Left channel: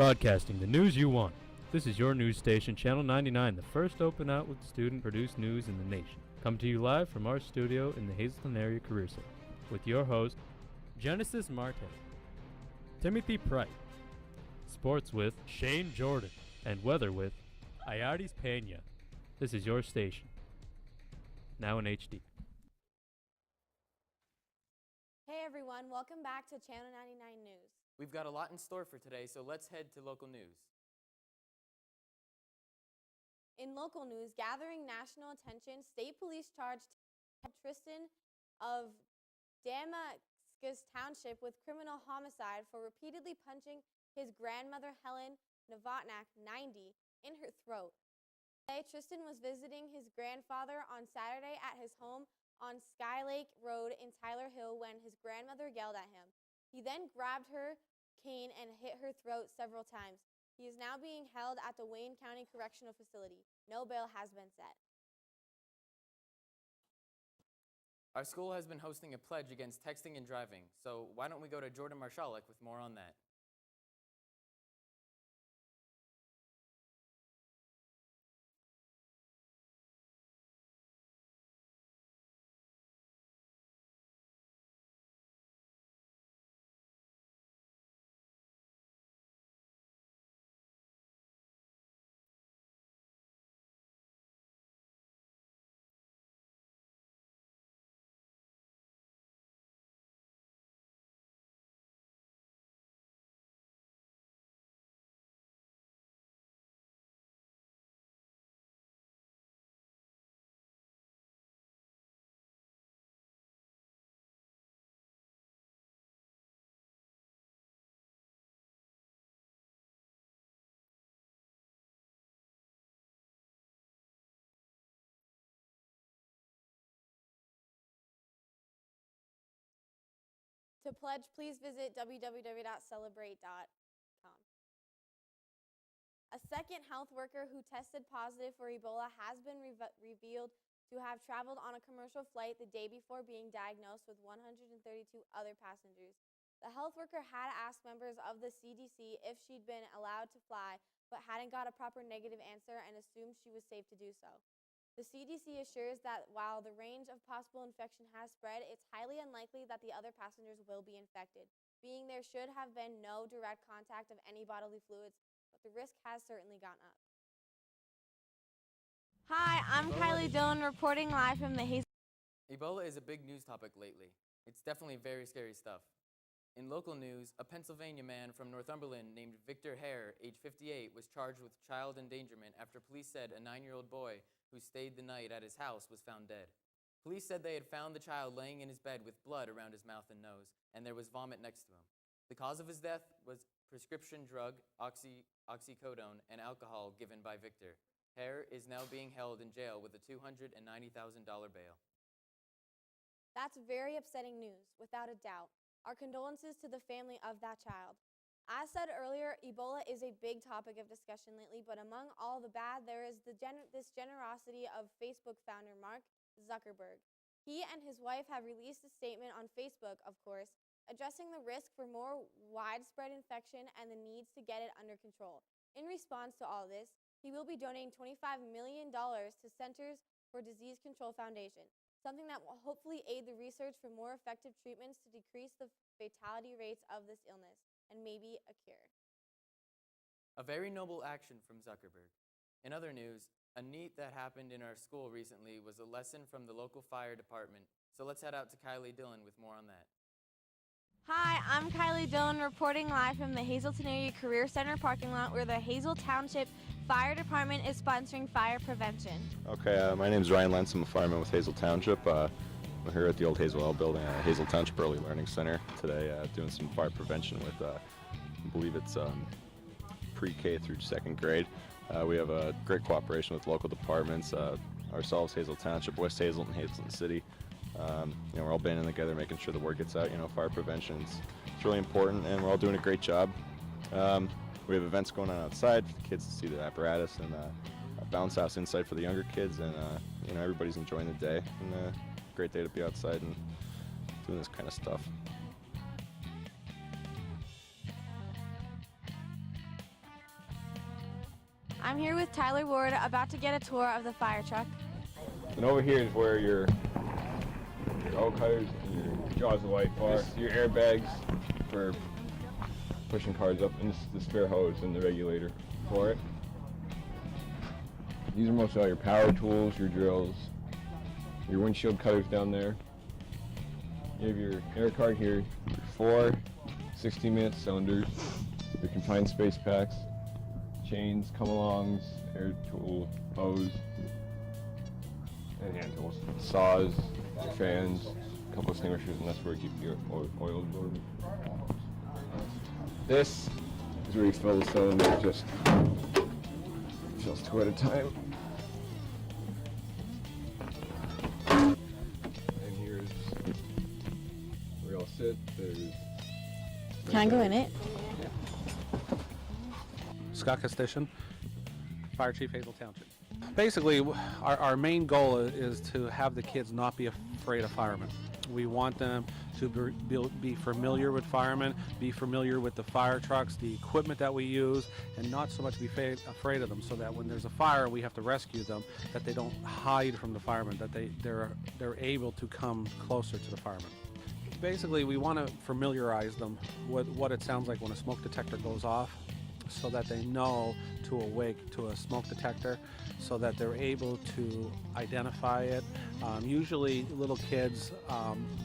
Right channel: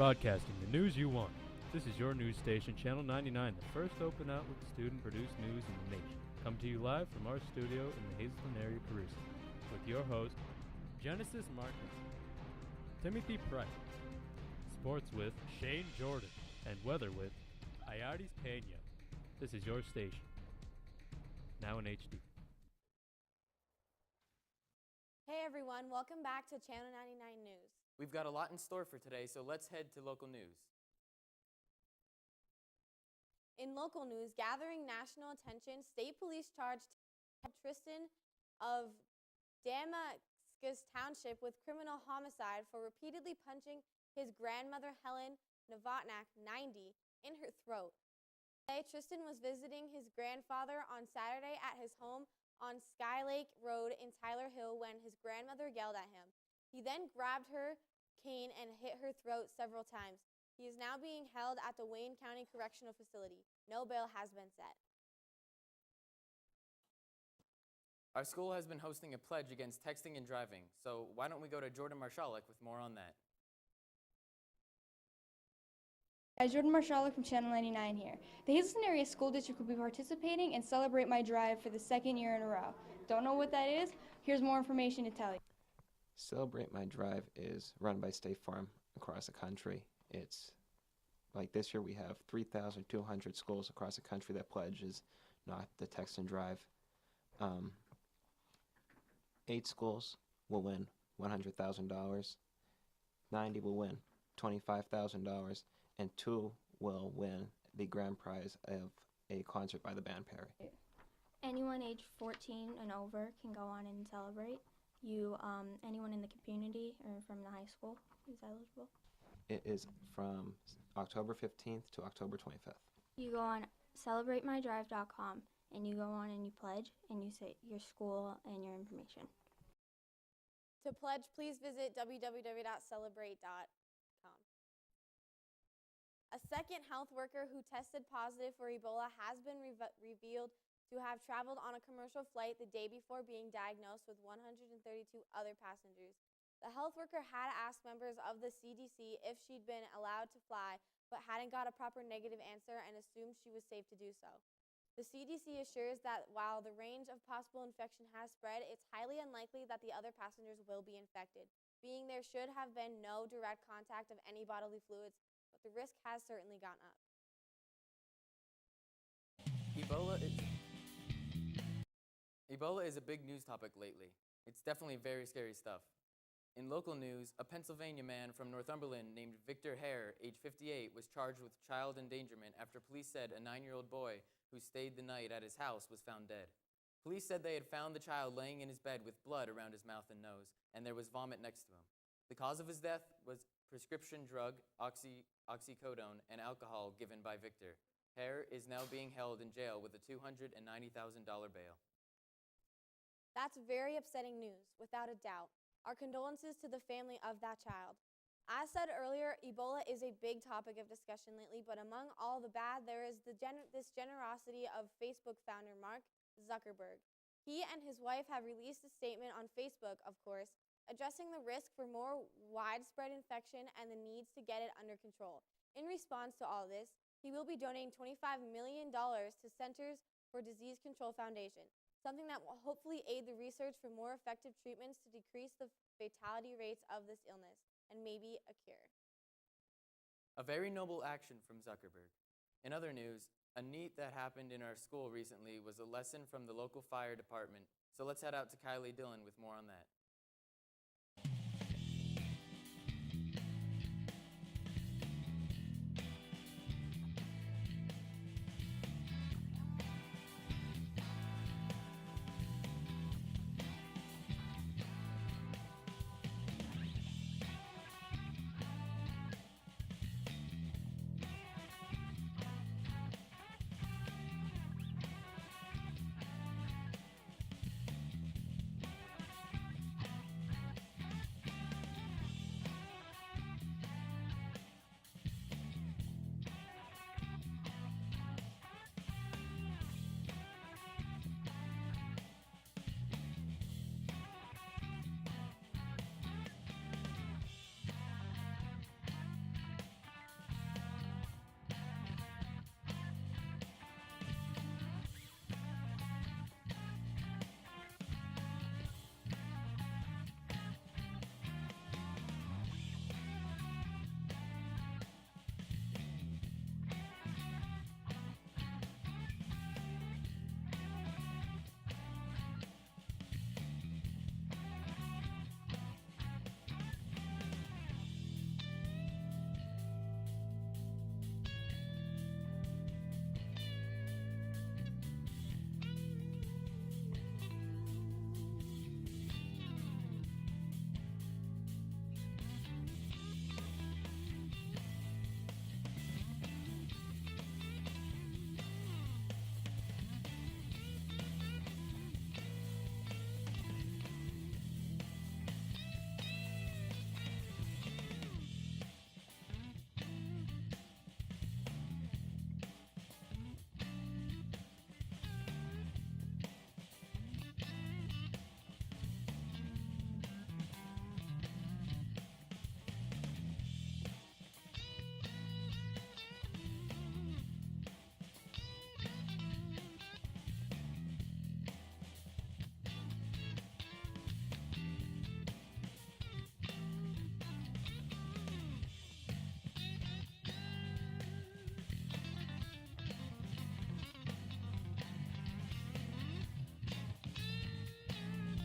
Broadcasting the news you want. This is your news station, Channel 99, the first open outlet student-produced news in the nation. Come to you live from our studio in the Hazleton area career center with your host, Genesis Martin, Timothy Price, sports with Shane Jordan, and weather with Ayardes Pena. This is your station, now in HD. Hey everyone, welcome back to Channel 99 News. We've got a lot in store for today, so let's head to local news. In local news, gathering national attention, state police charged Tristan of Damascus Township with criminal homicide for repeatedly punching his grandmother Helen Novotnak, 90, in her throat. Today, Tristan was visiting his grandfather on Saturday at his home on Skylake Road in Tyler Hill when his grandmother yelled at him. He then grabbed her cane and hit her throat several times. He is now being held at the Wayne County Correctional Facility. No bail has been set. Our school has been hosting a pledge against texting and driving, so why don't we go to Jordan Marshalik with more on that. Hi, Jordan Marshalik from Channel 99 here. The Hazleton Area School District will be participating in Celebrate My Drive for the second year in a row. Don't know what that is? Here's more information to tell you. Celebrate My Drive is run by State Farm across the country. It's like this year we have 3,200 schools across the country that pledges not the text and drive. 8 schools will win $100,000. 90 will win $25,000, and 2 will win the grand prize of a concert by the band Perry. Anyone age 14 and over can go on and celebrate. Anyone in the community or from the high school is eligible. It is from October 15th to October 25th. You go on celebratemydrive.com and you go on and you pledge and you say your school and your information. To pledge, please visit www.celebrate.com. A second health worker who tested positive for Ebola has been revealed to have traveled on a commercial flight the day before being diagnosed with 132 other passengers. The health worker had asked members of the CDC if she'd been allowed to fly, but hadn't got a proper negative answer and assumed she was safe to do so. The CDC assures that while the range of possible infection has spread, it's highly unlikely that the other passengers will be infected, being there should have been no direct contact of any bodily fluids, but the risk has certainly gone up. Hi, I'm Kylie Dillon reporting live from the Ebola is a big news topic lately. It's definitely very scary stuff. In local news, a Pennsylvania man from Northumberland named Victor Hare, age 58, was charged with child endangerment after police said a 9-year-old boy who stayed the night at his house was found dead. Police said they had found the child laying in his bed with blood around his mouth and nose, and there was vomit next to him. The cause of his death was prescription drug, oxycodone, and alcohol given by Victor. Hare is now being held in jail with a $290,000 bail. That's very upsetting news, without a doubt. Our condolences to the family of that child. As said earlier, Ebola is a big topic of discussion lately, but among all the bad, there is this generosity of Facebook founder Mark Zuckerberg. He and his wife have released a statement on Facebook, of course, addressing the risk for more widespread infection and the needs to get it under control. In response to all this, he will be donating $25 million to Centers for Disease Control Foundation, something that will hopefully aid the research for more effective treatments to decrease the fatality rates of this illness and maybe a cure. A very noble action from Zuckerberg. In other news, a neat that happened in our school recently was a lesson from the local fire department. So let's head out to Kylie Dillon with more on that. Hi, I'm Kylie Dillon reporting live from the Hazleton Area Career Center parking lot where the Hazel Township Fire Department is sponsoring fire prevention. Okay, my name is Ryan Lentz. I'm a fireman with Hazel Township. We're here at the old Hazel Oil building at Hazel Township Early Learning Center today doing some fire prevention with, I believe it's pre-K through 2nd grade. We have a great cooperation with local departments, ourselves, Hazel Township, West Hazleton, Hazleton City. We're all banding together, making sure the word gets out. Fire prevention is really important, and we're all doing a great job. We have events going on outside for the kids to see the apparatus, and a bounce house inside for the younger kids, and everybody's enjoying the day. And great day to be outside and doing this kind of stuff. here with Tyler Ward, about to get a tour of the fire truck. And over here is where your oil cutters, your jaws of life are, your airbags for pushing cars up, and the spare hose and the regulator for it. These are mostly all your power tools, your drills, your windshield cutters down there. You have your air card here, 4 16-minute cylinders, your confined space packs, chains, come-alongs, air tool, hose, and hand tools. Saws, fans, a couple extinguishers, and that's where you keep your oil absorbed. This is where you fill the cylinder, just fills 2 at a time. And here's where you all sit. Can I go in it? Scott Station, Fire Chief, Hazel Township. Basically, our main goal is to have the kids not be afraid of firemen. We want them to be familiar with firemen, be familiar with the fire trucks, the equipment that we use, and not so much be afraid of them, so that when there's a fire, we have to rescue them, that they don't hide from the firemen, that they're able to come closer to the firemen. Basically, we want to familiarize them with what it sounds like when a smoke detector goes off, so that they know to awake to a smoke detector, so that they're able to identify it. Usually little kids,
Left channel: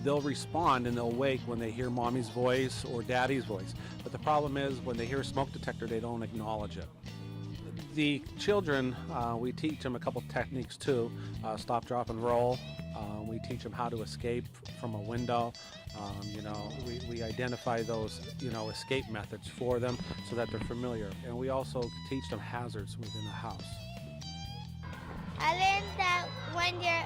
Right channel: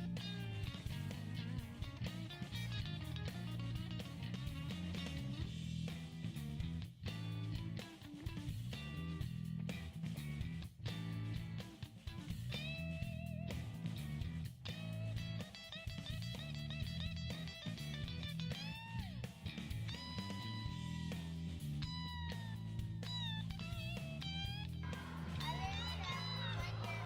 they'll respond and they'll wake when they hear mommy's voice or daddy's voice. But the problem is when they hear a smoke detector, they don't acknowledge it. The children, we teach them a couple techniques too. Stop, drop, and roll. We teach them how to escape from a window. We identify those, escape methods for them so that they're familiar. And we also teach them hazards within the house. I learned that when your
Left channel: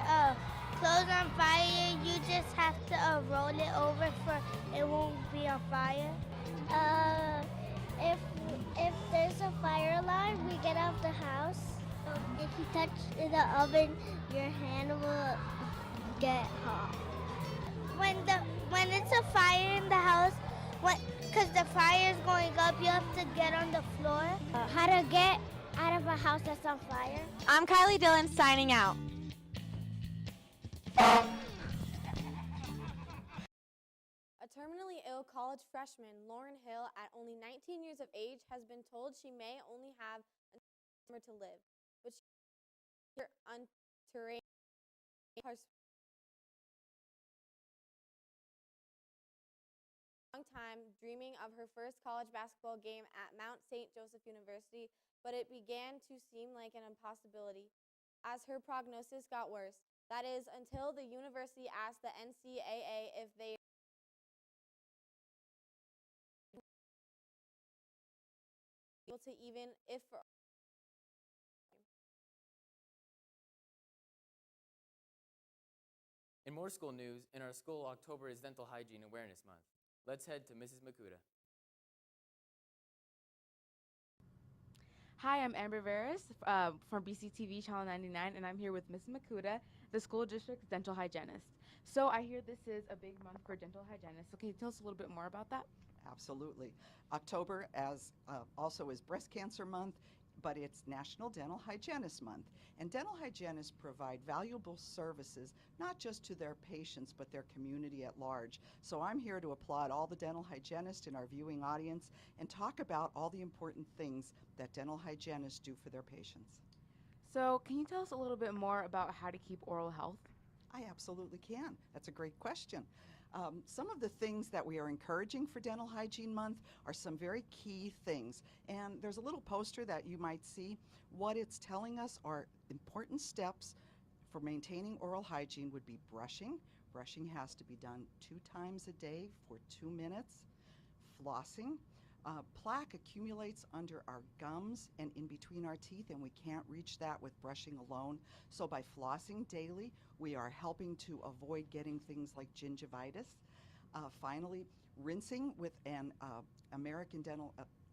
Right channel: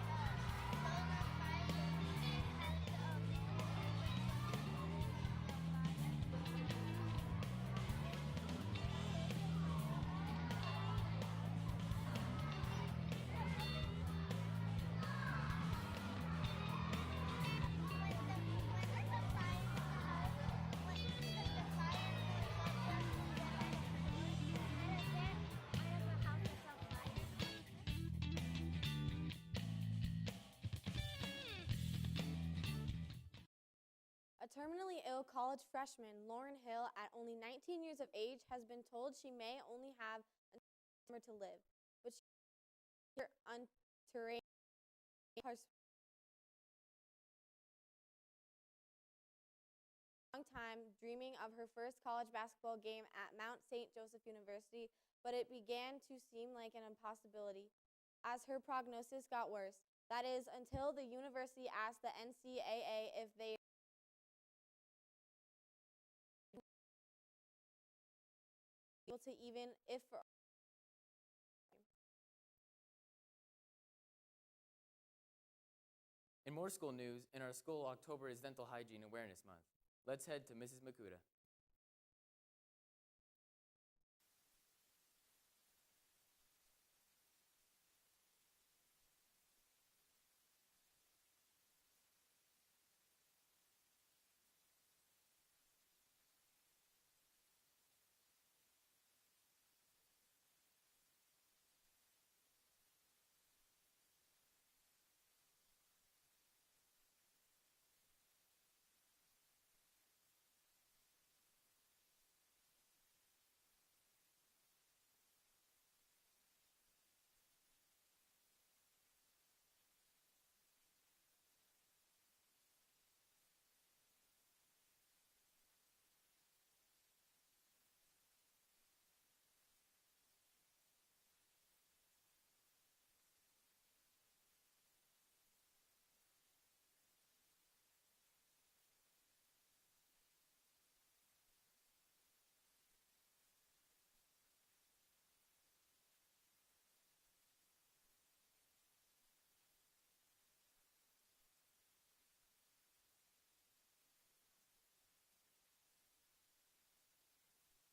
clothes on fire, you just have to roll it over for it won't be on fire. If there's a fire alarm, we get out the house. If you touch the oven, your hand will get hot. When it's a fire in the house, because the fire is going up, you have to get on the floor. How to get out of a house that's on fire. I'm Kylie Dillon signing out. A terminally ill college freshman, Lauren Hill, at only 19 years of age, has been told she may only have until summer to live, which she unterrated long time dreaming of her first college basketball game at Mount St. Joseph University, but it began to seem like an impossibility as her prognosis got worse. That is, until the university asked the NCAA if they able to even if for In more school news, in our school, October is Dental Hygiene Awareness Month. Let's head to Mrs. Makuta. Hi, I'm Amber Veras from BCTV Channel 99, and I'm here with Ms. Makuta, the school district's dental hygienist. So I hear this is a big month for dental hygienists. So can you tell us a little bit more about that? Absolutely. October also is Breast Cancer Month, but it's National Dental Hygienist Month. And dental hygienists provide valuable services, not just to their patients, but their community at large. So I'm here to applaud all the dental hygienists in our viewing audience and talk about all the important things that dental hygienists do for their patients. So can you tell us a little bit more about how to keep oral health? I absolutely can. That's a great question. Some of the things that we are encouraging for Dental Hygiene Month are some very key things. And there's a little poster that you might see. What it's telling us are important steps for maintaining oral hygiene would be brushing. Brushing has to be done 2 times a day for 2 minutes. Flossing. Plaque accumulates under our gums and in between our teeth, and we can't reach that with brushing alone. So by flossing daily, we are helping to avoid getting things like gingivitis. Finally, rinsing with an American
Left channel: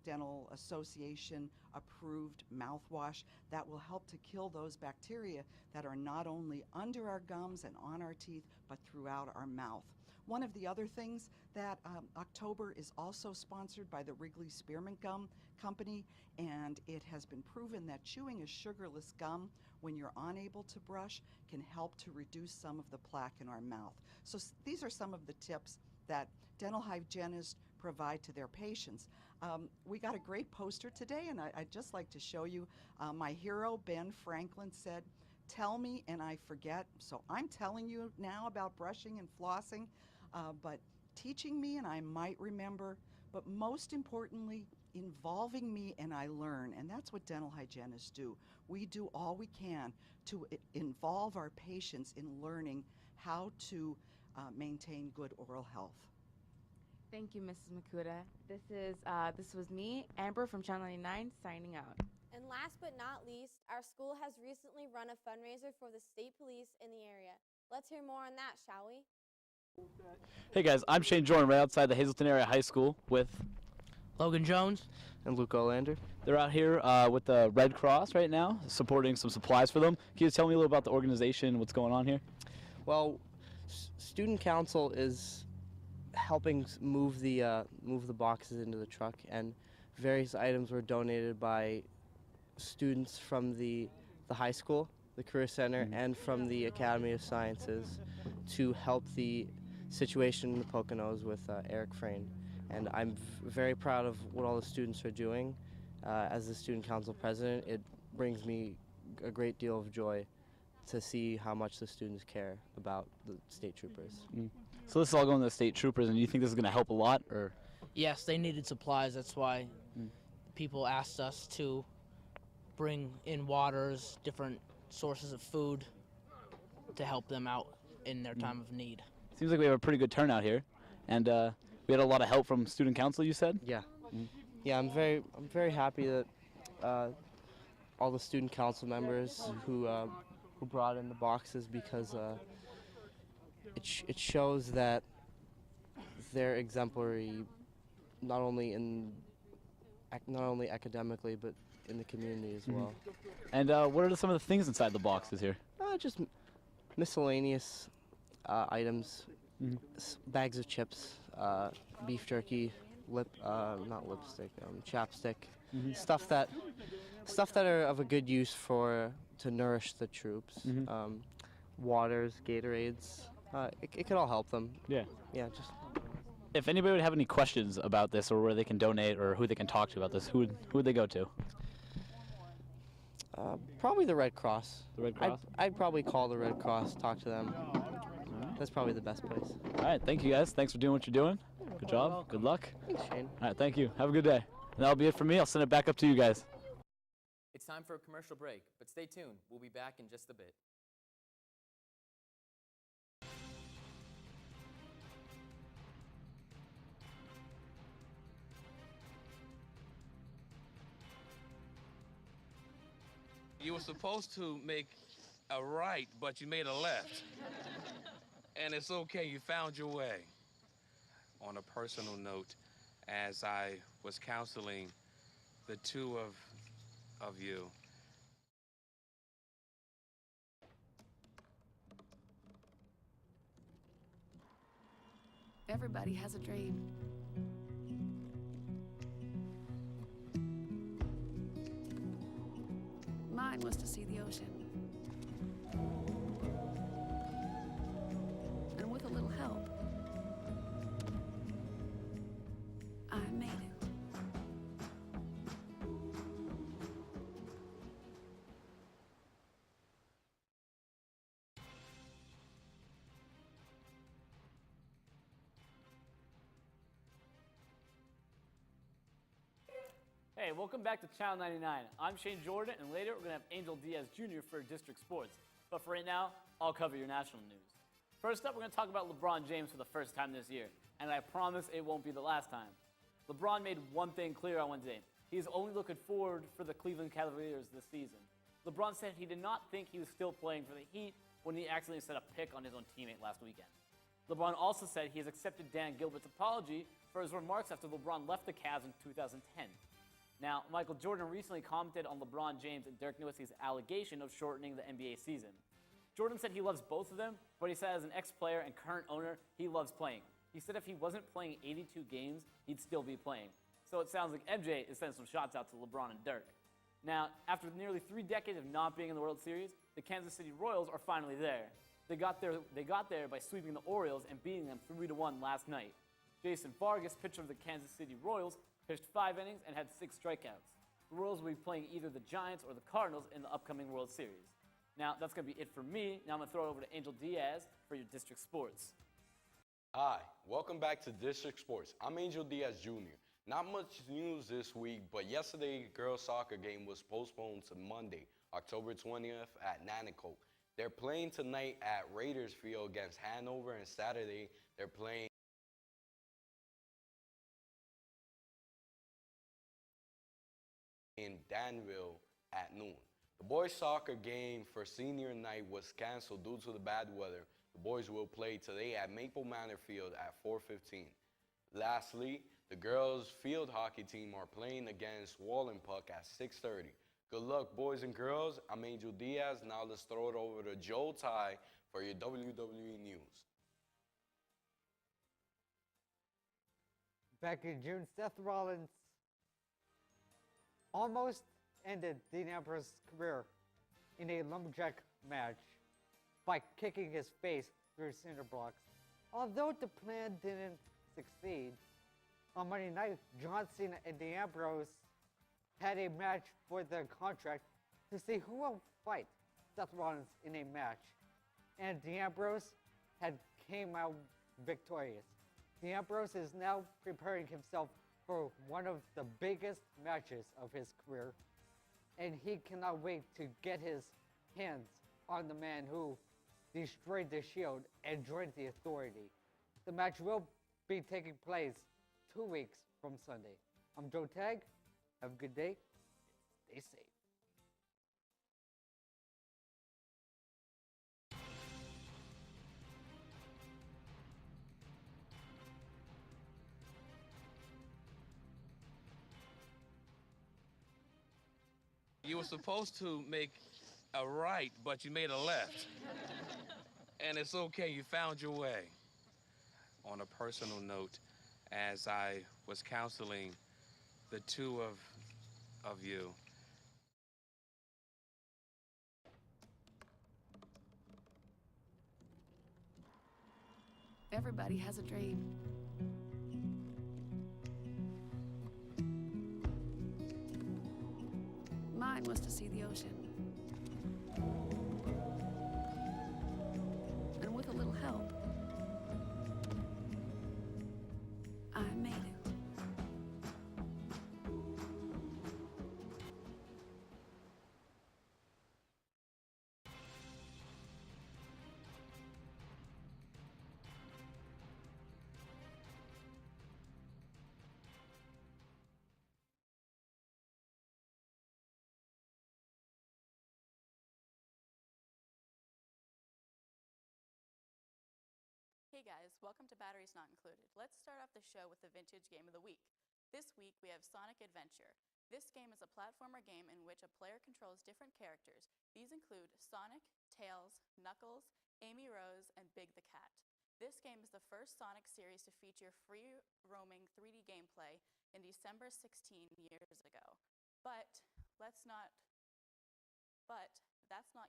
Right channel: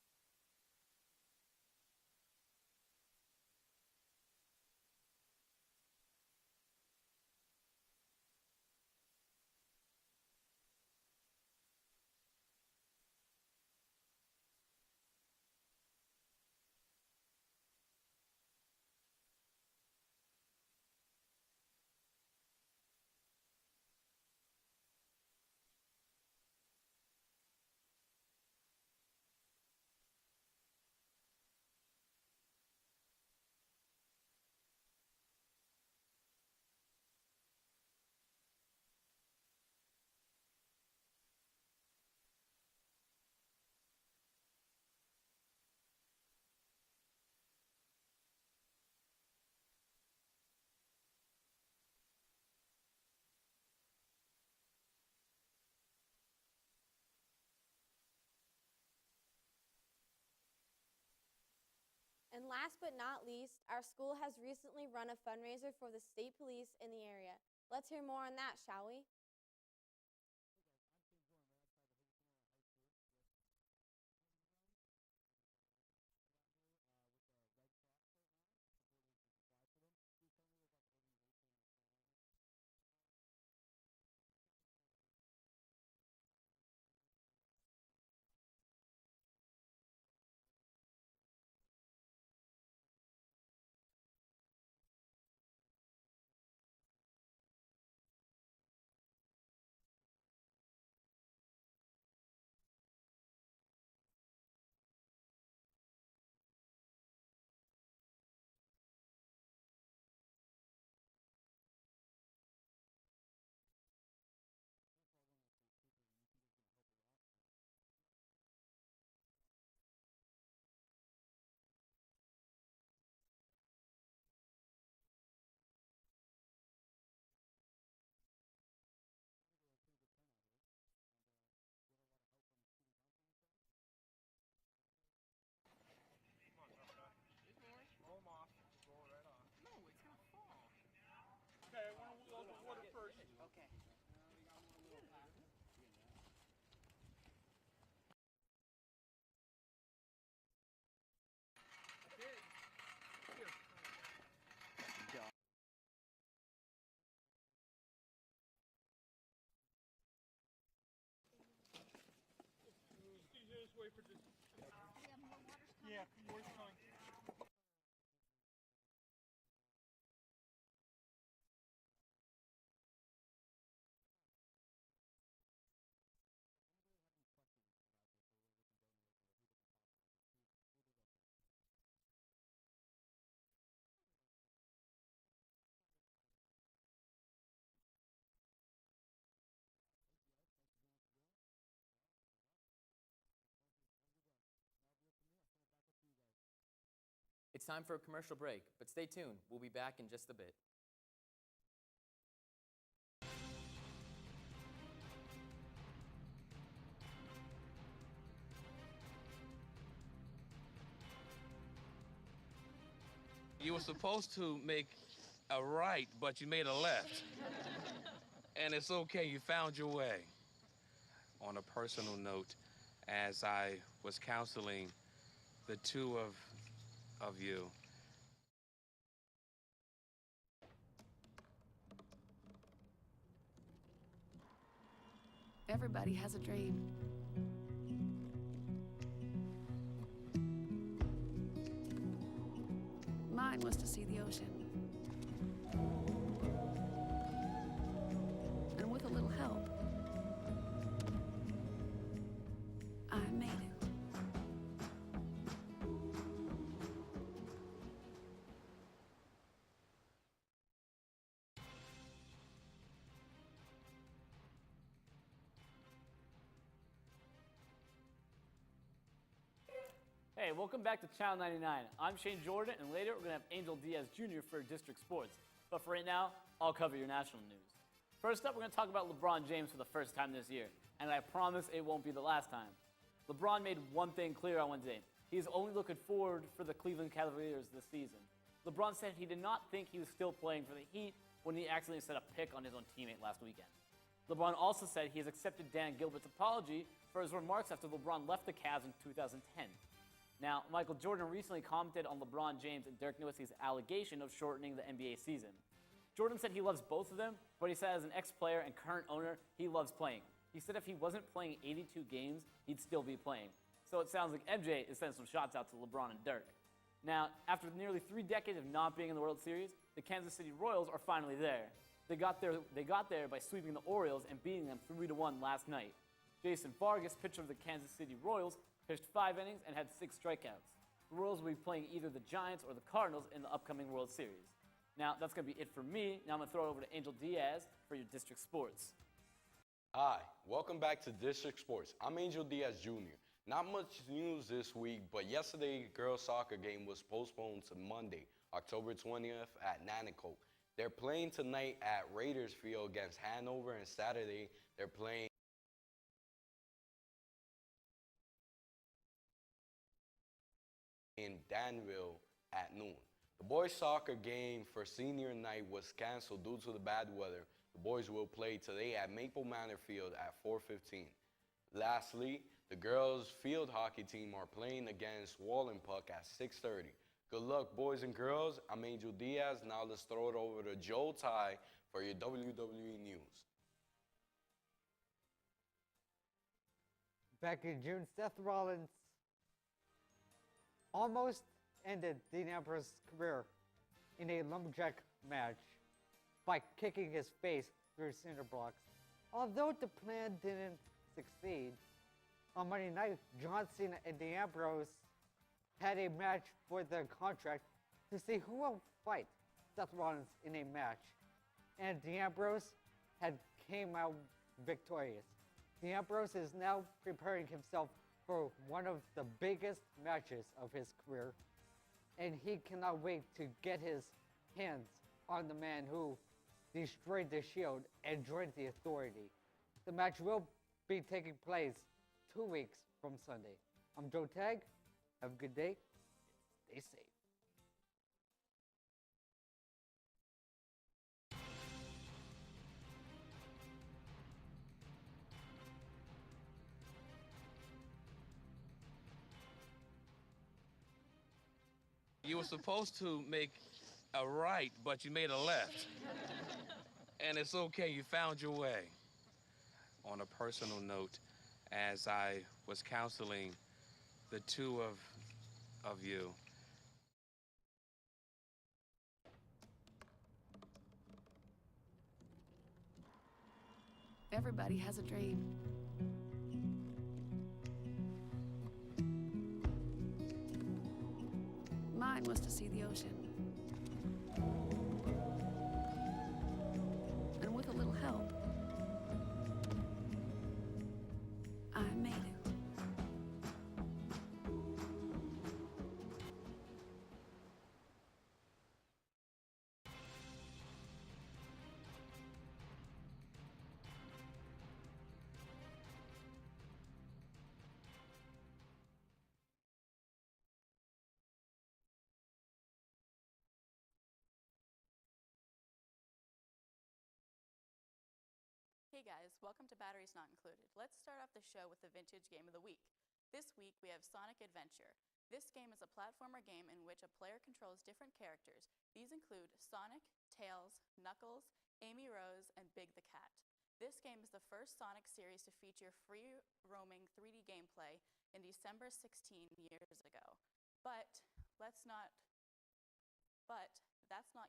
Dental Association approved mouthwash that will help to kill those bacteria that are not only under our gums and on our teeth, but throughout our mouth. One of the other things that October is also sponsored by the Wrigley Spearmint Gum Company, and it has been proven that chewing a sugarless gum when you're unable to brush can help to reduce some of the plaque in our mouth. So these are some of the tips that dental hygienists provide to their patients. We got a great poster today, and I'd just like to show you. My hero, Ben Franklin, said, "Tell me and I forget." So I'm telling you now about brushing and flossing, but teaching me and I might remember, but most importantly, involving me and I learn. And that's what dental hygienists do. We do all we can to involve our patients in learning how to maintain good oral health. Thank you, Mrs. Makuta. This was me, Amber from Channel 99, signing out. And last but not least, our school has recently run a fundraiser for the state police in the area. Let's hear more on that, shall we? Hey guys, I'm Shane Jordan, right outside the Hazleton Area High School with Logan Jones And Luke Olander. They're out here with the Red Cross right now, supporting some supplies for them. Can you tell me a little about the organization, what's going on here? Well, student council is helping move the boxes into the truck, and various items were donated by students from the high school, the Career Center, and from the Academy of Sciences to help the situation in the Poconos with Eric Frayne. And I'm very proud of what all the students are doing. As the student council president, it brings me a great deal of joy to see how much the students care about the state troopers. So this is all going to the state troopers, and do you think this is going to help a lot, or? Yes, they needed supplies. That's why people asked us to bring in waters, different sources of food to help them out in their time of need. Seems like we have a pretty good turnout here, and we had a lot of help from student council, you said? Yeah. Yeah, I'm very happy that all the student council members who brought in the boxes, because it shows that they're exemplary, not only academically but in the community as well. And what are some of the things inside the boxes here? Just miscellaneous items, bags of chips, beef jerky, chapstick, stuff that are of a good use to nourish the troops. Waters, Gatorades, it could all help them. Yeah. Yeah, just. If anybody would have any questions about this, or where they can donate, or who they can talk to about this, who would they go to? Probably the Red Cross. The Red Cross? I'd probably call the Red Cross, talk to them. That's probably the best place. All right, thank you guys. Thanks for doing what you're doing. Good job. Good luck. Thanks, Shane. All right, thank you. Have a good day. And that'll be it for me. I'll send it back up to you guys. It's time for a commercial break, but stay tuned. We'll be back in just a bit. You were supposed to make a right, but you made a left. And it's okay, you found your way. On a personal note, as I was counseling the two of you, everybody has a dream. Mine was to see the ocean. And with a little help, I made it. Hey, welcome back to Channel 99. I'm Shane Jordan, and later we're going to have Angel Diaz Jr. for District Sports. But for right now, I'll cover your national news. First up, we're going to talk about LeBron James for the first time this year, and I promise it won't be the last time. LeBron made one thing clear on Wednesday. He's only looking forward for the Cleveland Cavaliers this season. LeBron said he did not think he was still playing for the Heat when he accidentally set a pick on his own teammate last weekend. LeBron also said he has accepted Dan Gilbert's apology for his remarks after LeBron left the Cavs in 2010. Now, Michael Jordan recently commented on LeBron James and Dirk Nowitzki's allegation of shortening the NBA season. Jordan said he loves both of them, but he said as an ex-player and current owner, he loves playing. He said if he wasn't playing 82 games, he'd still be playing. So it sounds like MJ is sending some shots out to LeBron and Dirk. Now, after nearly 3 decades of not being in the World Series, the Kansas City Royals are finally there. They got there by sweeping the Orioles and beating them 3-1 last night. Jason Vargas, pitcher of the Kansas City Royals, pitched 5 innings and had 6 strikeouts. The Royals will be playing either the Giants or the Cardinals in the upcoming World Series. Now, that's going to be it for me. Now I'm going to throw it over to Angel Diaz for your district sports. Hi, welcome back to District Sports. I'm Angel Diaz Jr. Not much news this week, but yesterday girls soccer game was postponed to Monday, October 20th at Nanaco. They're playing tonight at Raiders Field against Hanover, and Saturday they're playing in Danville at noon. The boys soccer game for senior night was canceled due to the bad weather. The boys will play today at Maple Manor Field at 4:15. Lastly, the girls field hockey team are playing against Wallenpuck at 6:30. Good luck, boys and girls. I'm Angel Diaz. Now let's throw it over to Joe Ty for your WWE news. Back in June, Seth Rollins almost ended Dean Ambrose's career in a lumberjack match by kicking his face through cinder blocks. Although the plan didn't succeed, on Monday night, John Cena and Dean Ambrose had a match for their contract to see who will fight Seth Rollins in a match. And Dean Ambrose had came out victorious. Dean Ambrose is now preparing himself for one of the biggest matches of his career, and he cannot wait to get his hands on the man who destroyed the Shield and joined the Authority. The match will be taking place 2 weeks from Sunday. I'm Joe Tag. Have a good day. Stay safe. You were supposed to make a right, but you made a left. And it's okay, you found your way. On a personal note, as I was counseling the two of you, Everybody has a dream. Mine was to see the ocean. And with a little help, I made it. Hey guys, welcome to Batteries Not Included. Let's start off the show with the vintage game of the week. This week we have Sonic Adventure. This game is a platformer game in which a player controls different characters. These include Sonic, Tails, Knuckles, Amy Rose, and Big the Cat. This game is the first Sonic series to feature free roaming 3D gameplay in December 16 years ago. But that's not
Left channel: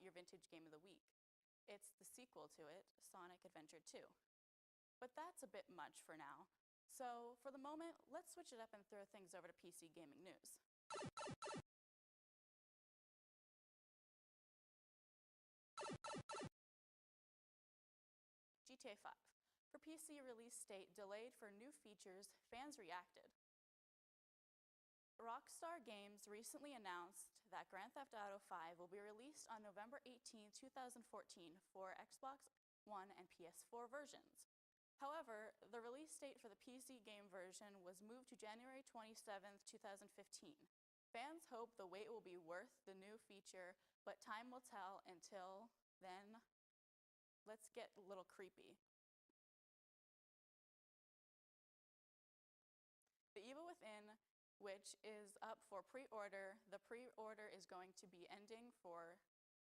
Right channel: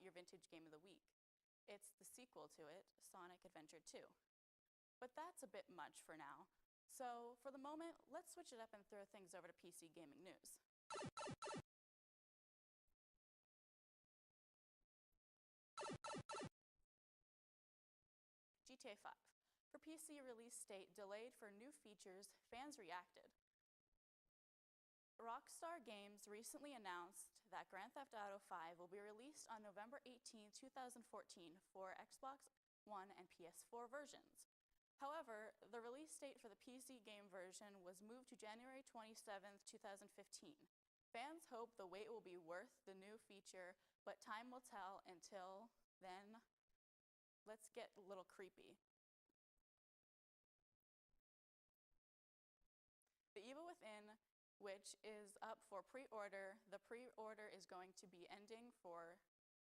your vintage game of the week. It's the sequel to it, Sonic Adventure 2. But that's a bit much for now. So for the moment, let's switch it up and throw things over to PC gaming news. GTA 5. For PC release date delayed for new features, fans reacted. Rockstar Games recently announced that Grand Theft Auto 5 will be released on November 18, 2014 for Xbox One and PS4 versions. However, the release date for the PC game version was moved to January 27, 2015. Fans hope the wait will be worth the new feature, but time will tell. Until then, let's get a little creepy. The Evil Within, which is up for pre-order, the pre-order is going to be ending for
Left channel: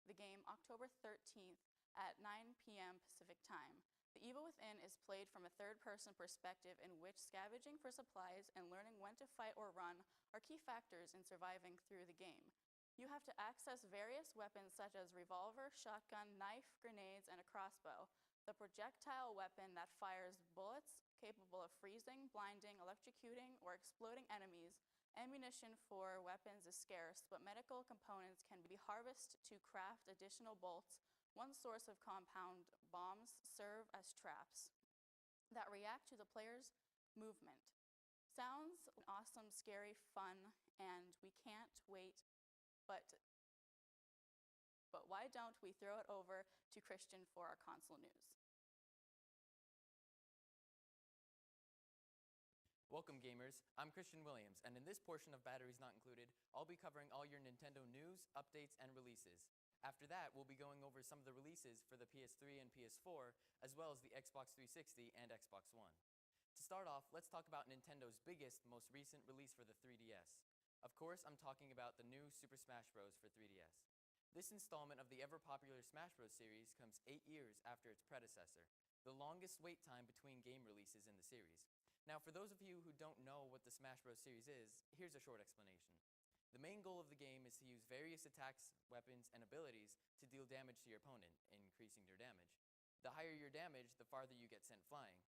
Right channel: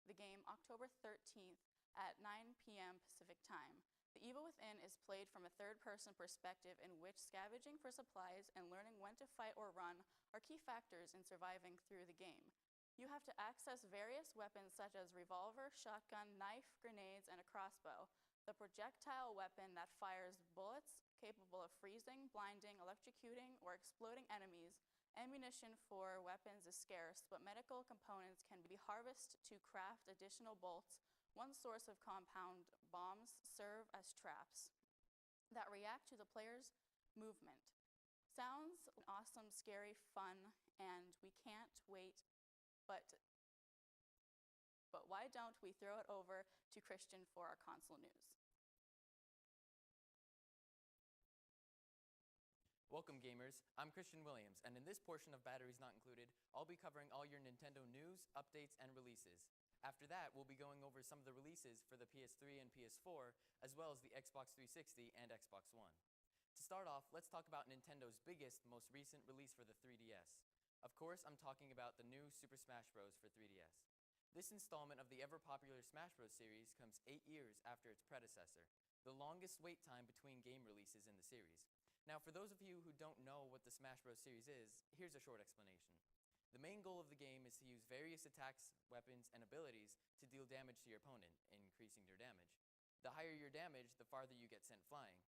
the game October 13th at 9 p.m. Pacific time. The Evil Within is played from a third-person perspective in which scavenging for supplies and learning when to fight or run are key factors in surviving through the game. You have to access various weapons such as revolver, shotgun, knife, grenades, and a crossbow. The projectile weapon that fires bullets capable of freezing, blinding, electrocuting, or exploding enemies. Ammunition for weapons is scarce, but medical components can be harvested to craft additional bolts. One source of compound bombs serve as traps that react to the player's movement. Sounds awesome, scary, fun, and we can't wait, but why don't we throw it over to Christian for our console news? Welcome, gamers. I'm Christian Williams, and in this portion of Batteries Not Included, I'll be covering all your Nintendo news, updates, and releases. After that, we'll be going over some of the releases for the PS3 and PS4, as well as the Xbox 360 and Xbox One. To start off, let's talk about Nintendo's biggest, most recent release for the 3DS. Of course, I'm talking about the new Super Smash Bros. For 3DS. This installment of the ever-popular Smash Bros. Series comes 8 years after its predecessor, the longest wait time between game releases in the series. Now, for those of you who don't know what the Smash Bros. Series is, here's a short explanation. The main goal of the game is to use various attacks, weapons, and abilities to deal damage to your opponent, increasing their damage. The higher your damage, the farther you get sent flying.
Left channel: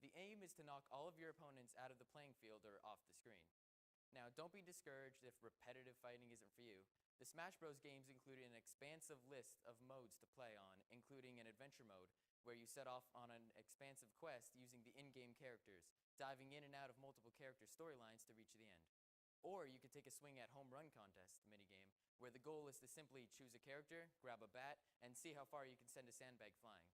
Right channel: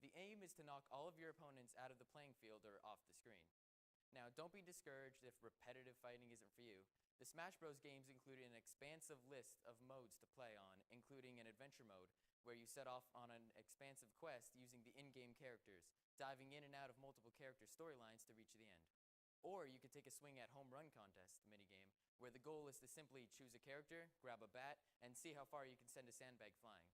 The aim is to knock all of your opponents out of the playing field or off the screen. Now, don't be discouraged if repetitive fighting isn't for you. The Smash Bros. Games included an expansive list of modes to play on, including an adventure mode, where you set off on an expansive quest using the in-game characters, diving in and out of multiple character storylines to reach the end. Or you could take a swing at Home Run Contest minigame, where the goal is to simply choose a character, grab a bat, and see how far you can send a sandbag flying.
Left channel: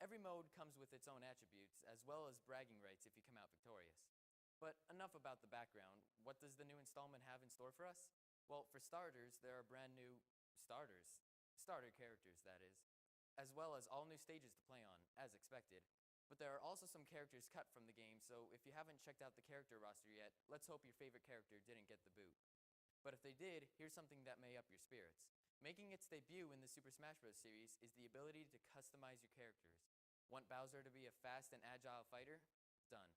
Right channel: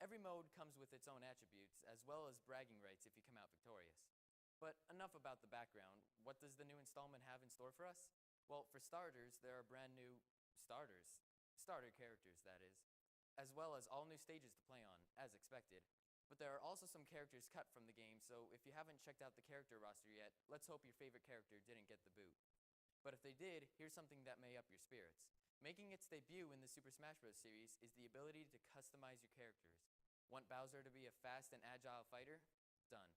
Every mode comes with its own attributes, as well as bragging rights if you come out victorious. But enough about the background. What does the new installment have in store for us? Well, for starters, there are brand new starter characters, that is, as well as all new stages to play on, as expected. But there are also some characters cut from the game, so if you haven't checked out the character roster yet, let's hope your favorite character didn't get the boot. But if they did, here's something that may up your spirits. Making its debut in the Super Smash Bros. Series is the ability to customize your characters. Want Bowser to be a fast and agile fighter? Done.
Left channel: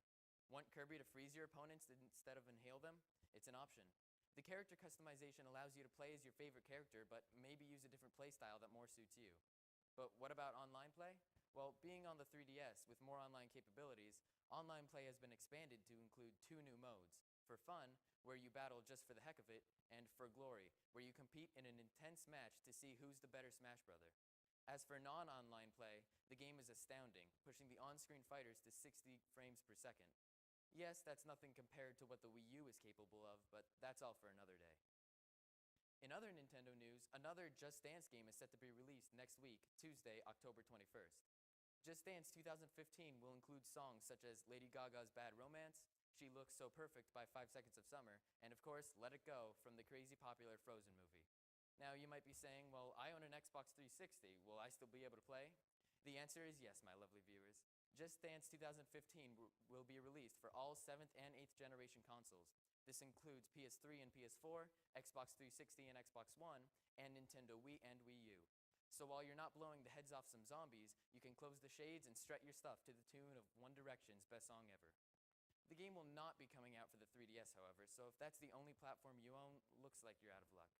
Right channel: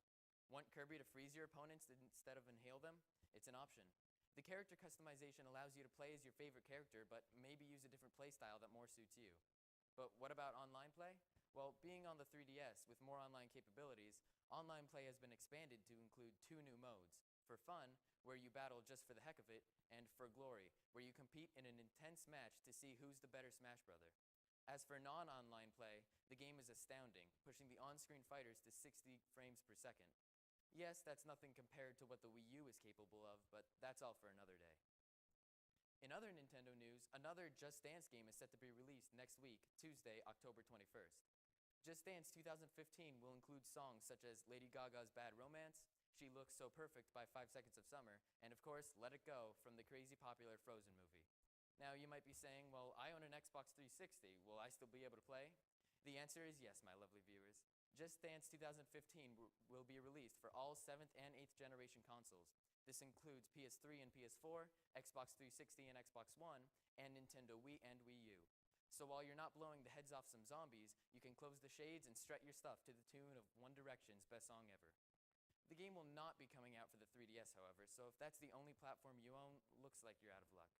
Want Kirby to freeze your opponents instead of inhale them? It's an option. The character customization allows you to play as your favorite character, but maybe use a different playstyle that more suits you. But what about online play? Well, being on the 3DS with more online capabilities, online play has been expanded to include 2 new modes. For Fun, where you battle just for the heck of it, and For Glory, where you compete in an intense match to see who's the better Smash Brother. As for non-online play, the game is astounding, pushing the on-screen fighters to 60 frames per second. Yes, that's nothing compared to what the Wii U is capable of, but that's all for another day. In other Nintendo news, another Just Dance game is set to be released next week, Tuesday, October 21st. Just Dance 2015 will include songs such as Lady Gaga's Bad Romance, She Looks So Perfect by 5 Seconds of Summer, and of course, Let It Go from the crazy popular Frozen movie. Now, you might be saying, well, I own an Xbox 360. Will I still be able to play? The answer is yes, my lovely viewers. Just Dance 2015 will be released for all 7th and 8th generation consoles. This includes PS3 and PS4, Xbox 360 and Xbox One, and Nintendo Wii and Wii U. So while you're not blowing the heads off some zombies, you can close the shades and strut your stuff to the tune of One Direction's best song ever. The game will not be coming out for the 3DS, however, so if that's the only platform you own, looks like you're out of luck.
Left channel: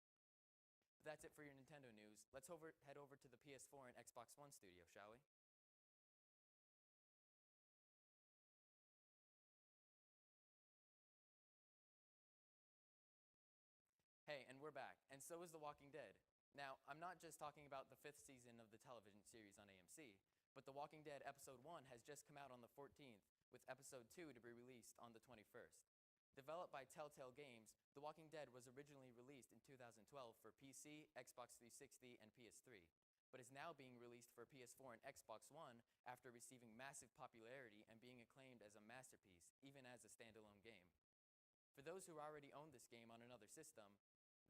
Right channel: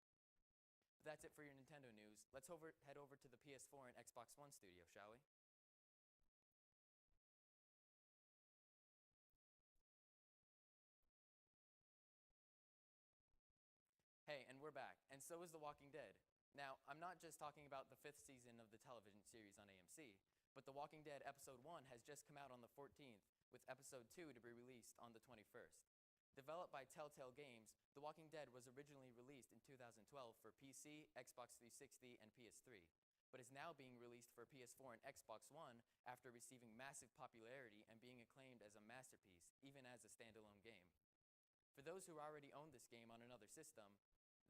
But that's it for your Nintendo news. Let's head over to the PS4 and Xbox One studio, shall we? Hey, and we're back, and so is The Walking Dead. Now, I'm not just talking about the 5th season of the television series on AMC, but The Walking Dead Episode 1 has just come out on the 14th, with Episode 2 to be released on the 21st. Developed by Telltale Games, The Walking Dead was originally released in 2012 for PC, Xbox 360, and PS3, but is now being released for PS4 and Xbox One after receiving massive popularity and being acclaimed as a masterpiece, even as a standalone game. For those who already own this game on another system,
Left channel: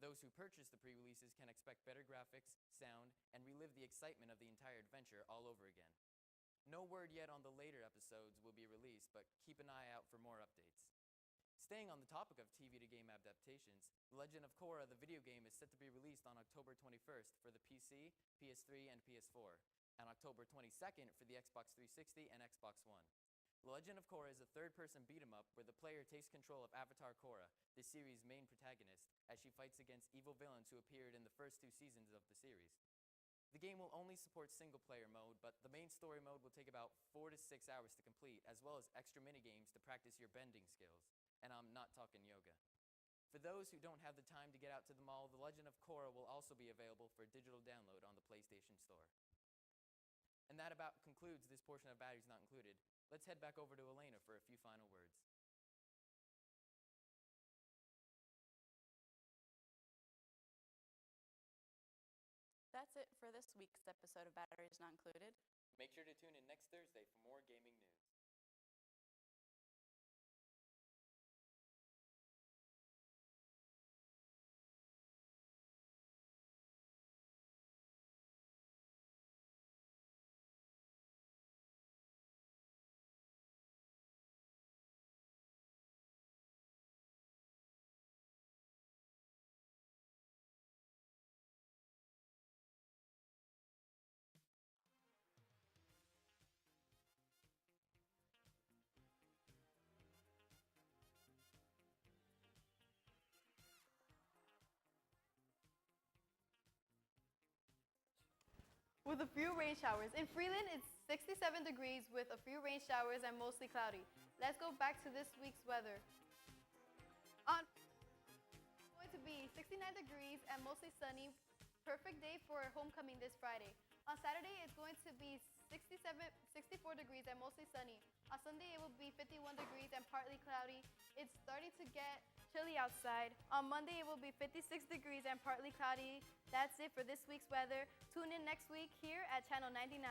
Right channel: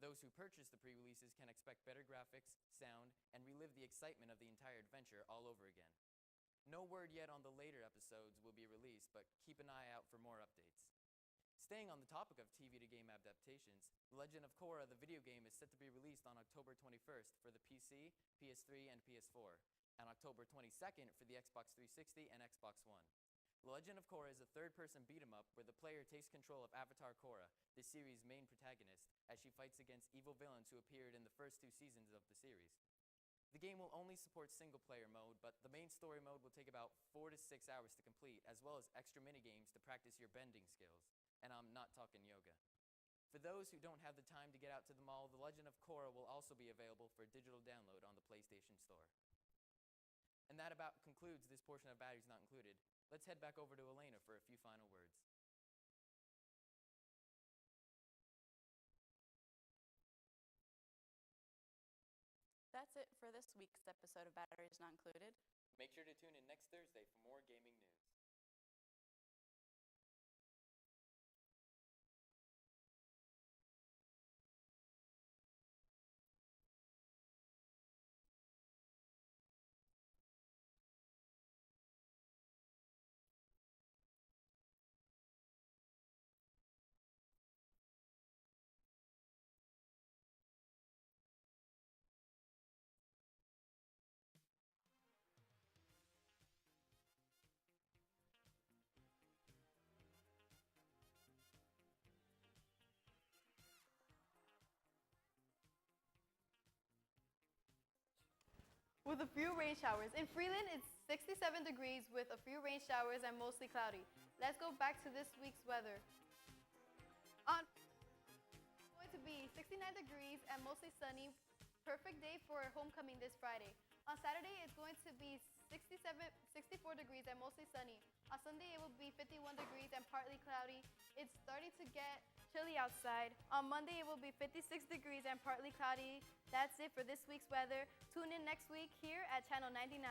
those who purchase the pre-releases can expect better graphics, sound, and relive the excitement of the entire adventure all over again. No word yet on the later episodes will be released, but keep an eye out for more updates. Staying on the topic of TV to game adaptations, The Legend of Korra, the video game, is set to be released on October 21st for the PC, PS3, and PS4. on October 22nd for the Xbox 360 and Xbox One. The Legend of Korra is a third-person beat-em-up where the player takes control of Avatar Korra, the series' main protagonist, as she fights against evil villains who appeared in the first 2 seasons of the series. The game will only support single-player mode, but the main story mode will take about 4 to 6 hours to complete, as well as extra minigames to practice your bending skills. And I'm not talking yoga. For those who don't have the time to get out to the mall, The Legend of Korra will also be available for digital download on the PlayStation Store. And that about concludes this portion of Batteries Not Included. Let's head back over to Elena for a few final words. That's it for this week's episode of Batteries Not Included. Make sure to tune in next Thursday for more gaming news. With a few rain showers. In Freeland, it's 67 degrees with a few rain showers and mostly cloudy. Let's go back to this week's weather. It's going to be 69 degrees and mostly sunny. Perfect day for homecoming this Friday. On Saturday, it's going to be 64 degrees and mostly sunny. On Sunday, it will be 51 degrees and partly cloudy. It's starting to get chilly outside. On Monday, it will be 56 degrees and partly cloudy. That's it for this week's weather. Tune in next week here at Channel 99.